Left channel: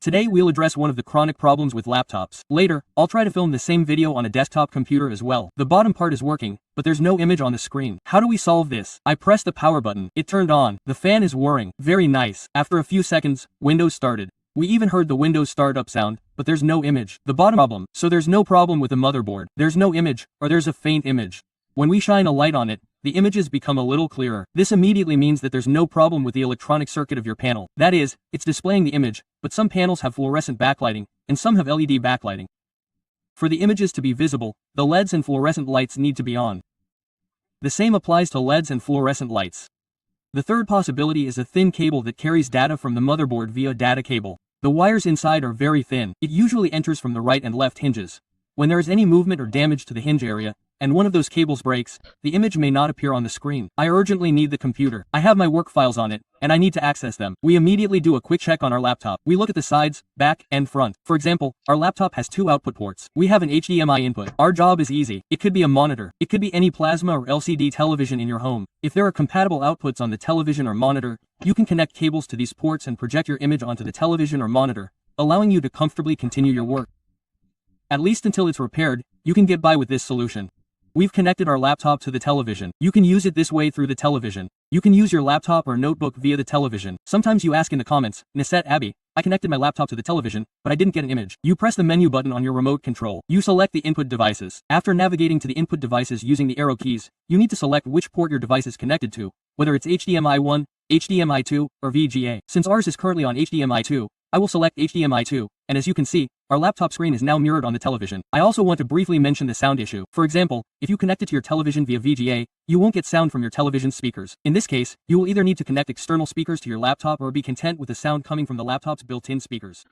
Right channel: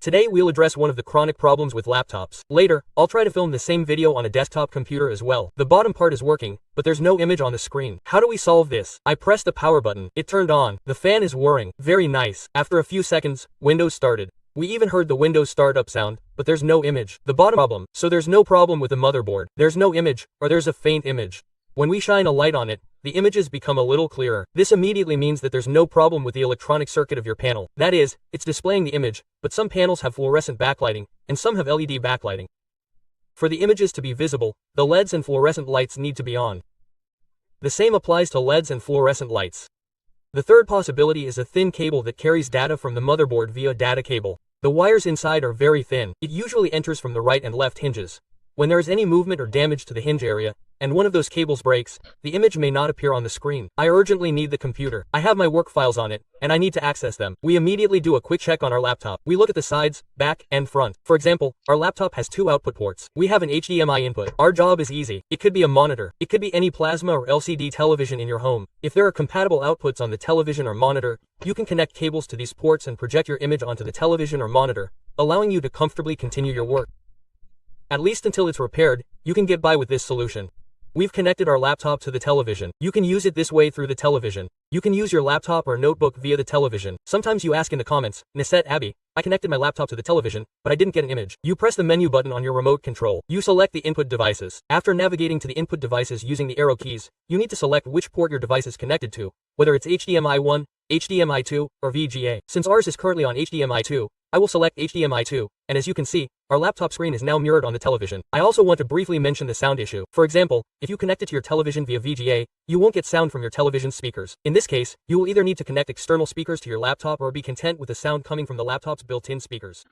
Today we'll address one of the chronic problems with laptops. Later, I'll try to film the same video on a desktop computer as well. The bottom part is working, but there's no image on the screen. How do we solve this? I pressed the power button. It turned on. The fan is whirring. Very nice. After a few seconds, Windows started. We even heard the Windows startup sound, but there's no image. The bottom problem. So there's no problem with the motherboard. There's no image, or there's a faint image. When we shine a light on it, the images become a little clearer. This immediately means that there's no problem with the electronic circuit of your panel. That is, it's displaying the image, but some panels have fluorescent backlighting, and some have LED backlighting. For the images to be visible, the LEDs and fluorescent lights need to be on. The same applies to LEDs and fluorescent lights. The third possibility is a thin cable that carries data from the motherboard via data cable. The wires inside are very thin. It usually enters from the right and left hinges. When there is any movement or damage to the hinge area, and one of those cables breaks, the image may not appear on the screen. I urgently need the computer. I have my work files on it, and I need to access them. We immediately do a quick check on our laptop. We look at the sides, back, and front. For example, our laptop has 2 output ports. We have an HDMI input. Our job is easy. It could be a monitor. It could be any plasma or LCD television in your home. If there are compatible outputs on the television or monitor, you can connect cables to these ports and project your image onto the television or monitor, allowing you to comfortably continue your work. At least until it's repaired, you can get by with this solution. We've connected our laptop to the television. You can use it this way through the television. You can use your laptop or notebook via the television. Sometimes you ask in the comments, Nisette Abby, I connected my laptop to the television, but I didn't get an image. You press the menu button on your remote control. You select the input devices. After navigating to the input devices using the arrow keys, you need to select which port your device is connected to, whether it's HDMI 1, HDMI 2, or VGA. Since ours is currently on HDMI 2, I will select HDMI 2, and as you can see, our laptop screen is now mirrored on the television. I also want to briefly mention the sound issue. For example, if you connect it to your television via VGA, you won't get sound from your television speakers. In this case, you will either need to connect external speakers to your laptop or be content with the sound coming from the laptop's built-in speakers.